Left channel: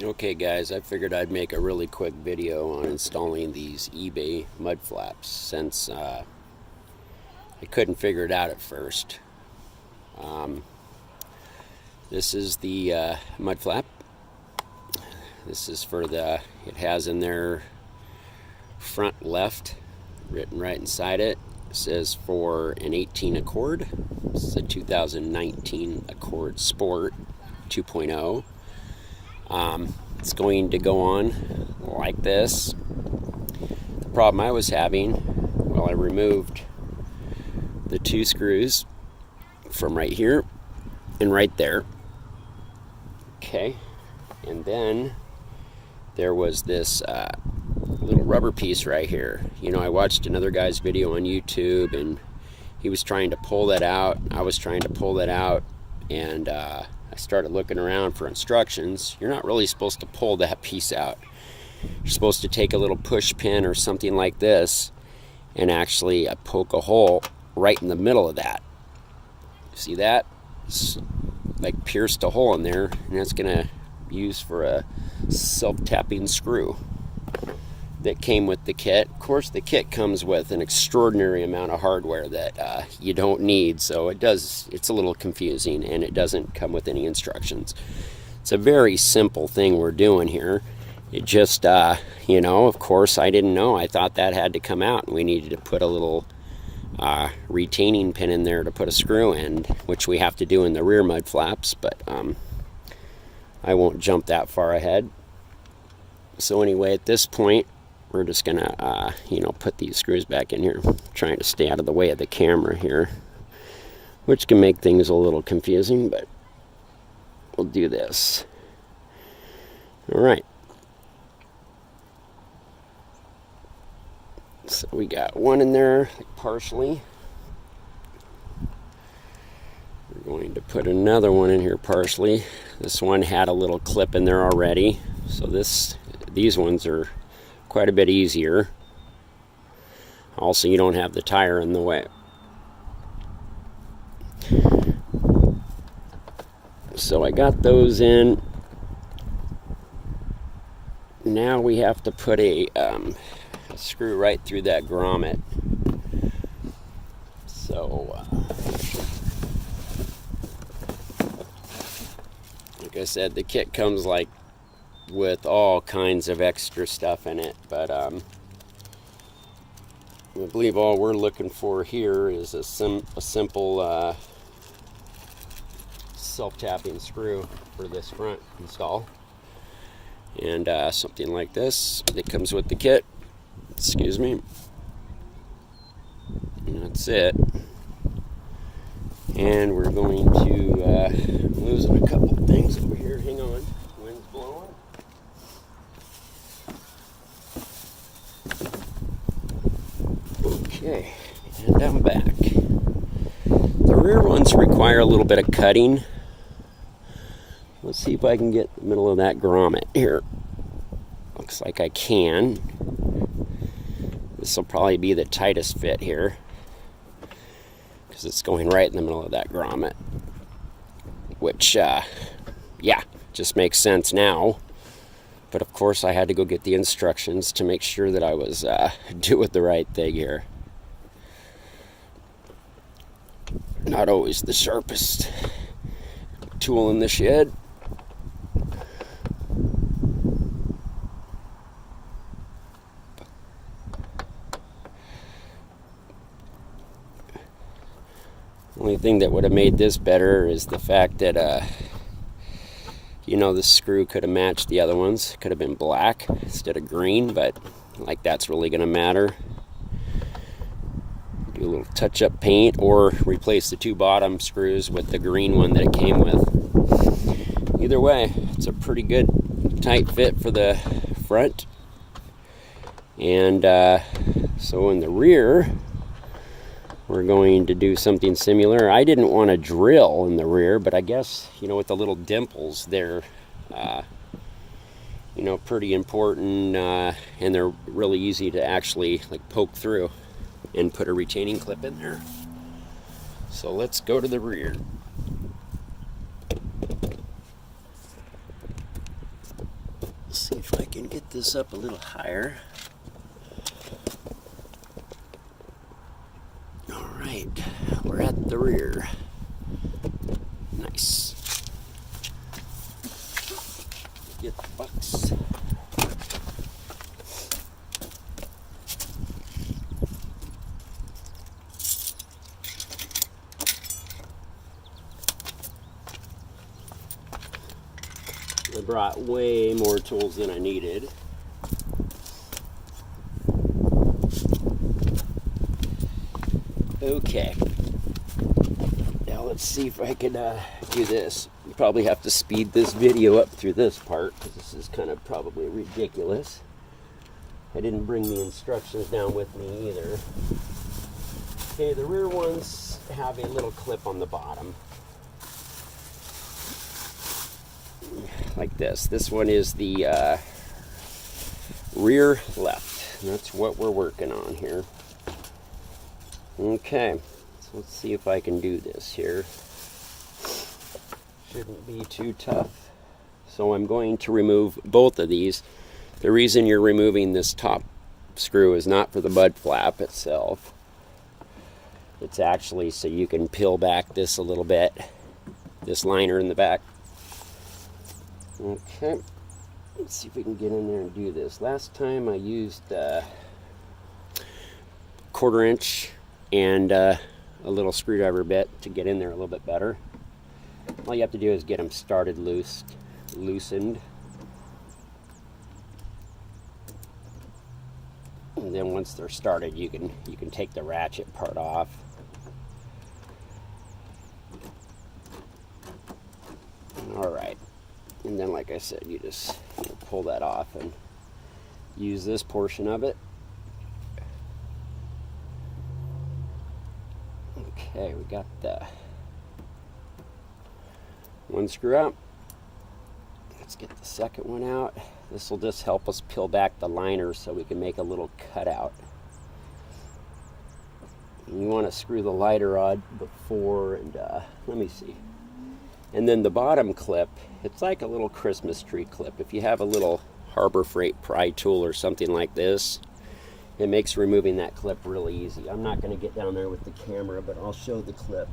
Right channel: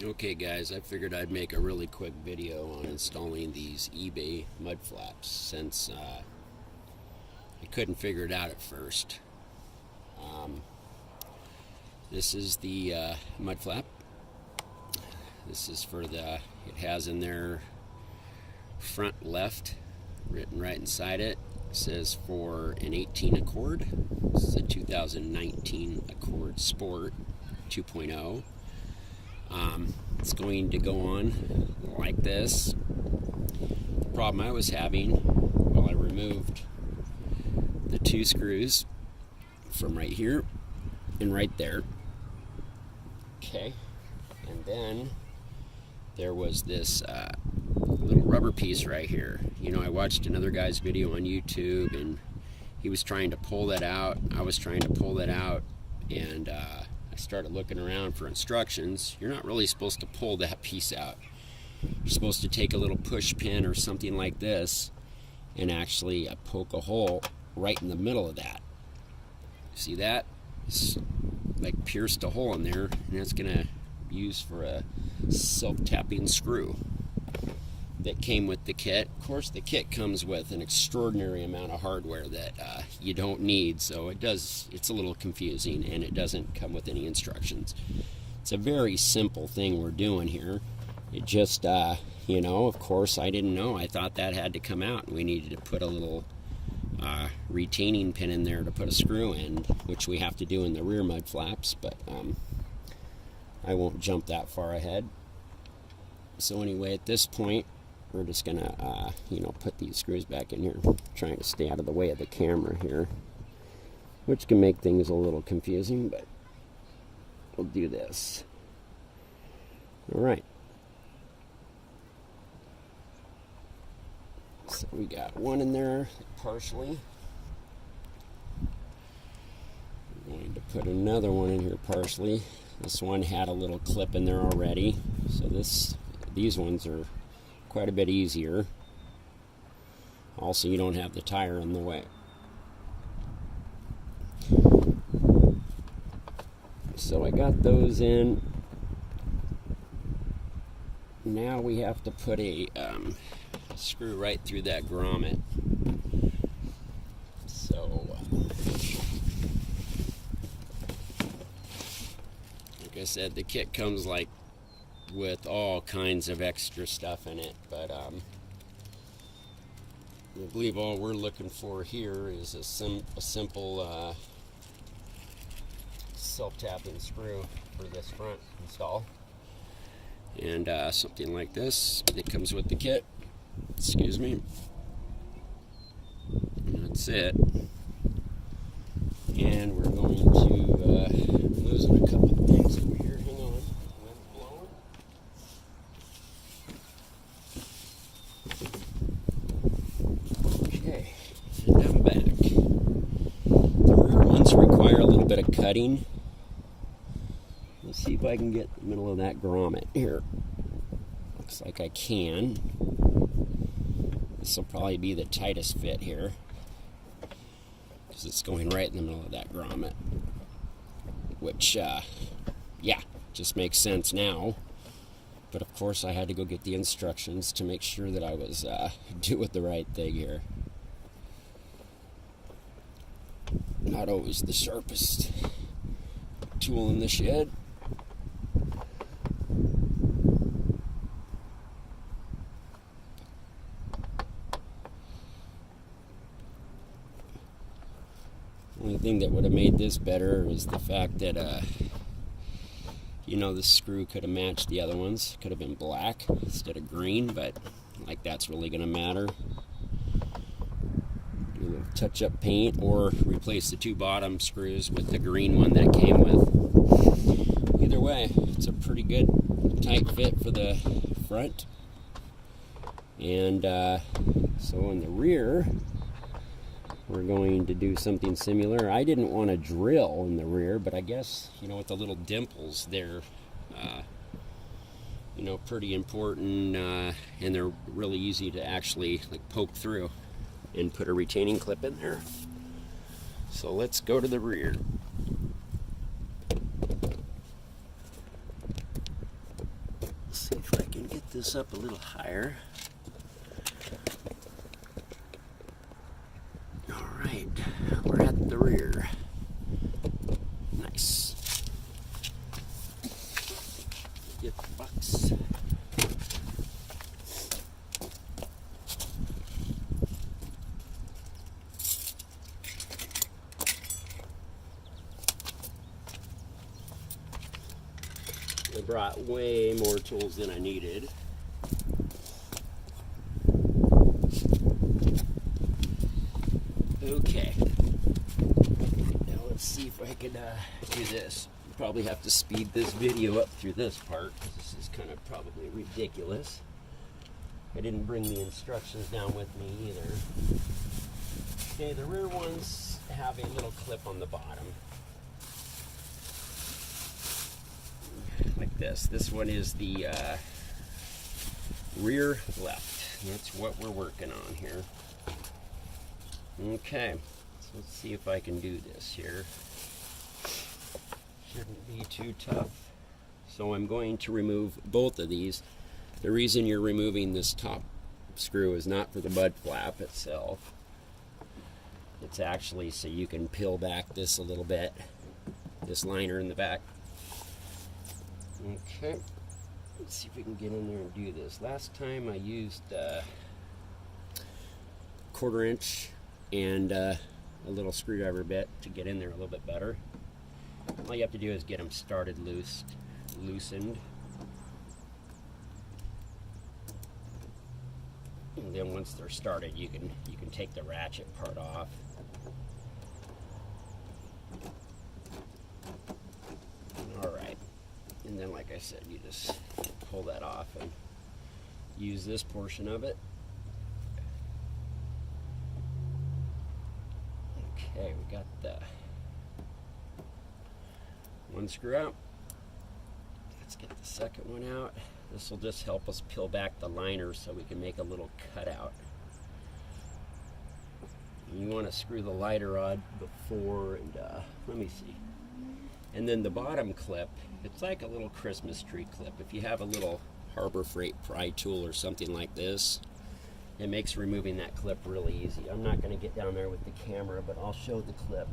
Okay guys, I figured I'd make a really quick video on installing these eBay mud flaps since I couldn't figure it out at first. This is the mud flap. This is for it has in there front left written right inside it. It says for an 18 Accord. It's a 2019 Accord Sport 2.0. It's going to go on like this. The problem I was having, I removed the two screws from right here and right there. Okay, and then there was this little rubber piece right here. I watched another guy's video on YouTube and he was trying to pull that out. I was trying to pull that out, and I started looking around for instructions. You're not really supposed to pull that piece out. You're supposed to take a little push pin or something like this and actually poke a hole right in the middle of that. See that? It's like pierced a hole in there, and that's gonna use for a self-tapping screw that came with the kit. Of course, the kit comes with an extraordinary amount of hardware that you don't need, so it's a little confusing, and it doesn't come with any instructions. It's a very simple thing we're doing here. It just, of course, I didn't know. I thought that had to come out, and we needed to put a little retaining pin in there to put a screw in, which we have to do in the rear mud flaps, but I won't jump that far ahead. So anyway, at this point, we're just gonna, put these screws back in here. I'm trying to stay out of the way of the camera here, which can make things a little confusing, but we'll do this. All right. So we got one in there partially. We're going to put another one in here partially. This one had a little clip in there already, so these ones are quite a bit easier. Also, you don't have the tire in the way. So I got those in. Now we have to put a screw right through that grommet. So, like I said, the kit comes with all kinds of extra stuff in it, but I believe all we're looking for here is a simple self-tapping screw for this front install, and something like this that comes with the kit. Excuse me. And that's it. And we're going to losing a couple of things over here. Hang on, wind's blowing. Okay, and I'm back. The rear ones require a little bit of cutting. Let's see if I can get the middle of that grommet here. Looks like I can. This will probably be the tightest fit here because it's going right in the middle of that grommet, which, just makes sense now. But of course, I had to go get the instructions to make sure that I was doing the right thing here. Not always the sharpest tool in the shed. Only thing that would have made this better is the fact that the screw could have matched the other ones. Could have been black instead of green, but that's really going to matter. Do a little touch-up paint or replace the two bottom screws with the green one that it came with. Either way, it's a pretty good tight fit for the front. And so in the rear, we're going to do something similar. I didn't want to drill in the rear, but I guess, with the little dimples, they're, pretty important, and they're really easy to actually poke through and put a retaining clip in there. So let's go to the rear. can get this up a little higher. All right, we're at the rear. Nice. Get the bucks. I brought way more tools than I needed. Okay. Now let's see if I can do this. You probably have to speed this video up through this part because this is kind of probably ridiculous. I didn't bring the instructions down with me either. Okay, the rear ones have a little clip on the bottom. Like this. This one is the rear left. That's what we're working on here. Okay, so let's see if I can do this here. Shouldn't be too tough. So I'm going to remove both of these. The reason you're removing this top screw is not for the mud flap itself. It's actually so you can peel back this a little bit, this liner in the back. Okay, let's see if we can get in there and do this. Last time I used 1/4 inch and a little screwdriver bit to get in there a little bit better. All you have to do is get them started loosened. And then once they're started, you can take the ratchet part off. All right. And then, like I said, you just pull that off and use this portion of it. Okay, we got the one screw out. Let's get the second one out. This will just help us peel back the liner so we can make a little cutout. And you want to screw the lighter rod before, and let me see. And then the bottom clip, it's like a little Christmas tree clip. If you have a little Harbor Freight pry tool or something like this, it makes removing that clip really easy. I'm not going to get down there with the camera, but I'll show the clip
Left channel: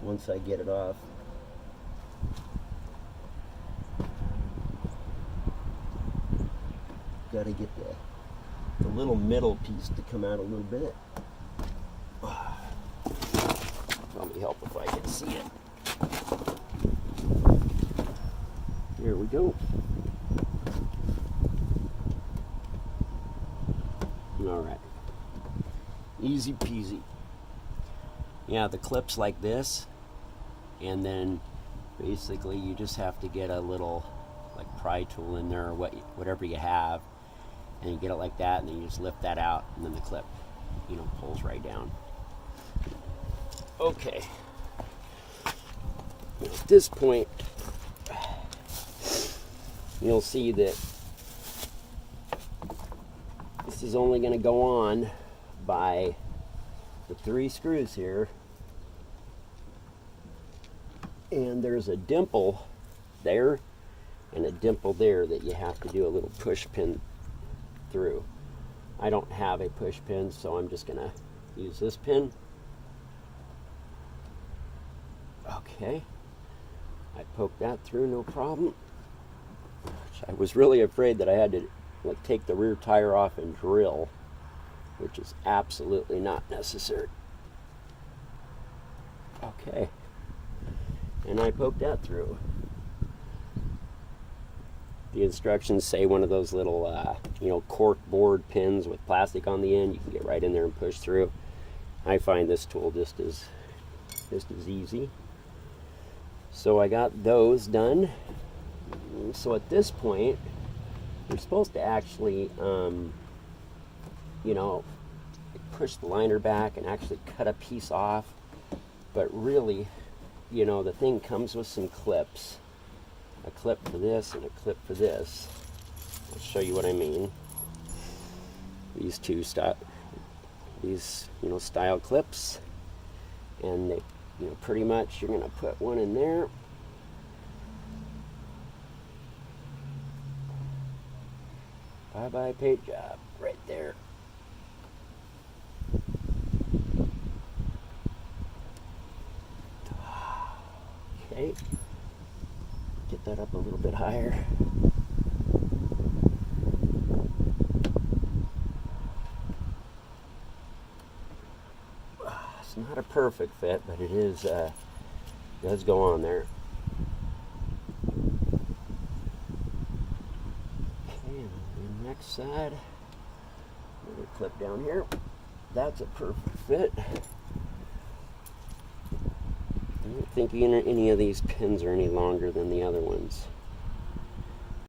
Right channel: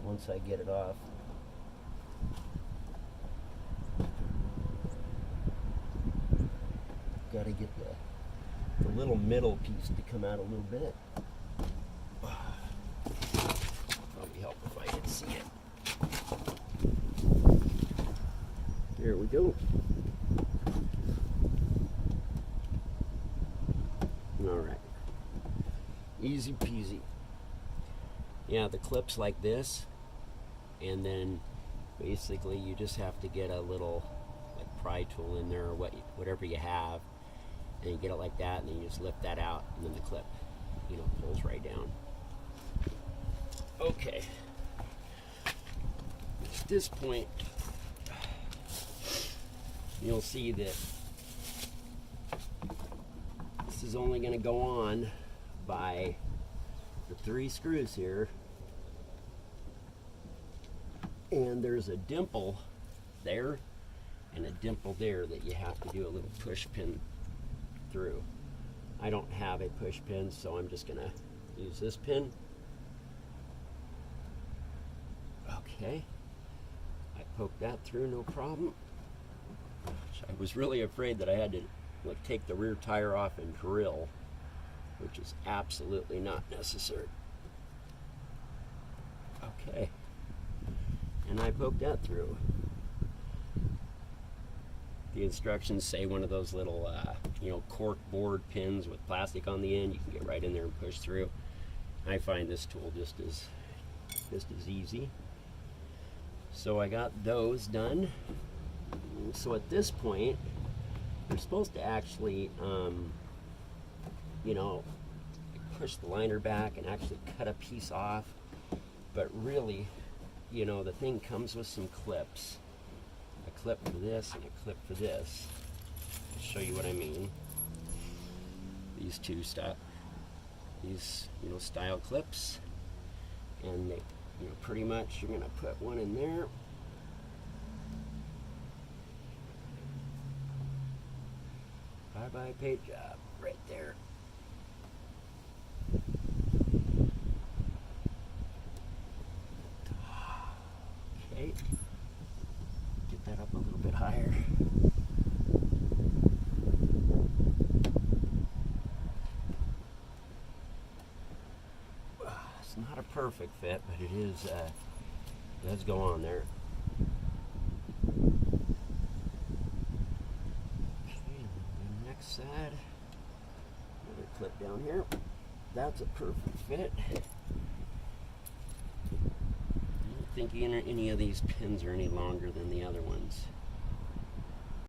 once I get it off. Got to get the little middle piece to come out a little bit. Probably help if I can see it. There we go. All right. Easy peasy. Yeah, the clip's like this, and then basically you just have to get a little like pry tool in there or whatever you have, and you get it like that, and then you just lift that out, and then the clip, pulls right down. Okay. At this point, you'll see that this is only going to go on by the 3 screws here, and there's a dimple there and a dimple there that you have to do a little push pin through. I don't have a push pin, so I'm just going to use this pin. Okay, I poked that through, no problem. I was really afraid that I had to take the rear tire off and drill, which is absolutely not necessary. Okay, and I poked that through. The instructions say one of those little cork board pins with plastic on the end. You can get right in there and push through. I find this tool just as easy. So I got those done. So at this point, you're supposed to actually, push the liner back and actually cut a piece off. But really, the thing comes with some clips. A clip for this and a clip for this. I'll show you what I mean. These two style clips, and they, pretty much you're going to put one in there. Bye-bye paint job right there. Okay, get that up a little bit higher. It's not a perfect fit, but it is does go on there. Okay, and then the next side, another clip down here. That's a perfect fit. I don't think any of these pins are any longer than the other ones.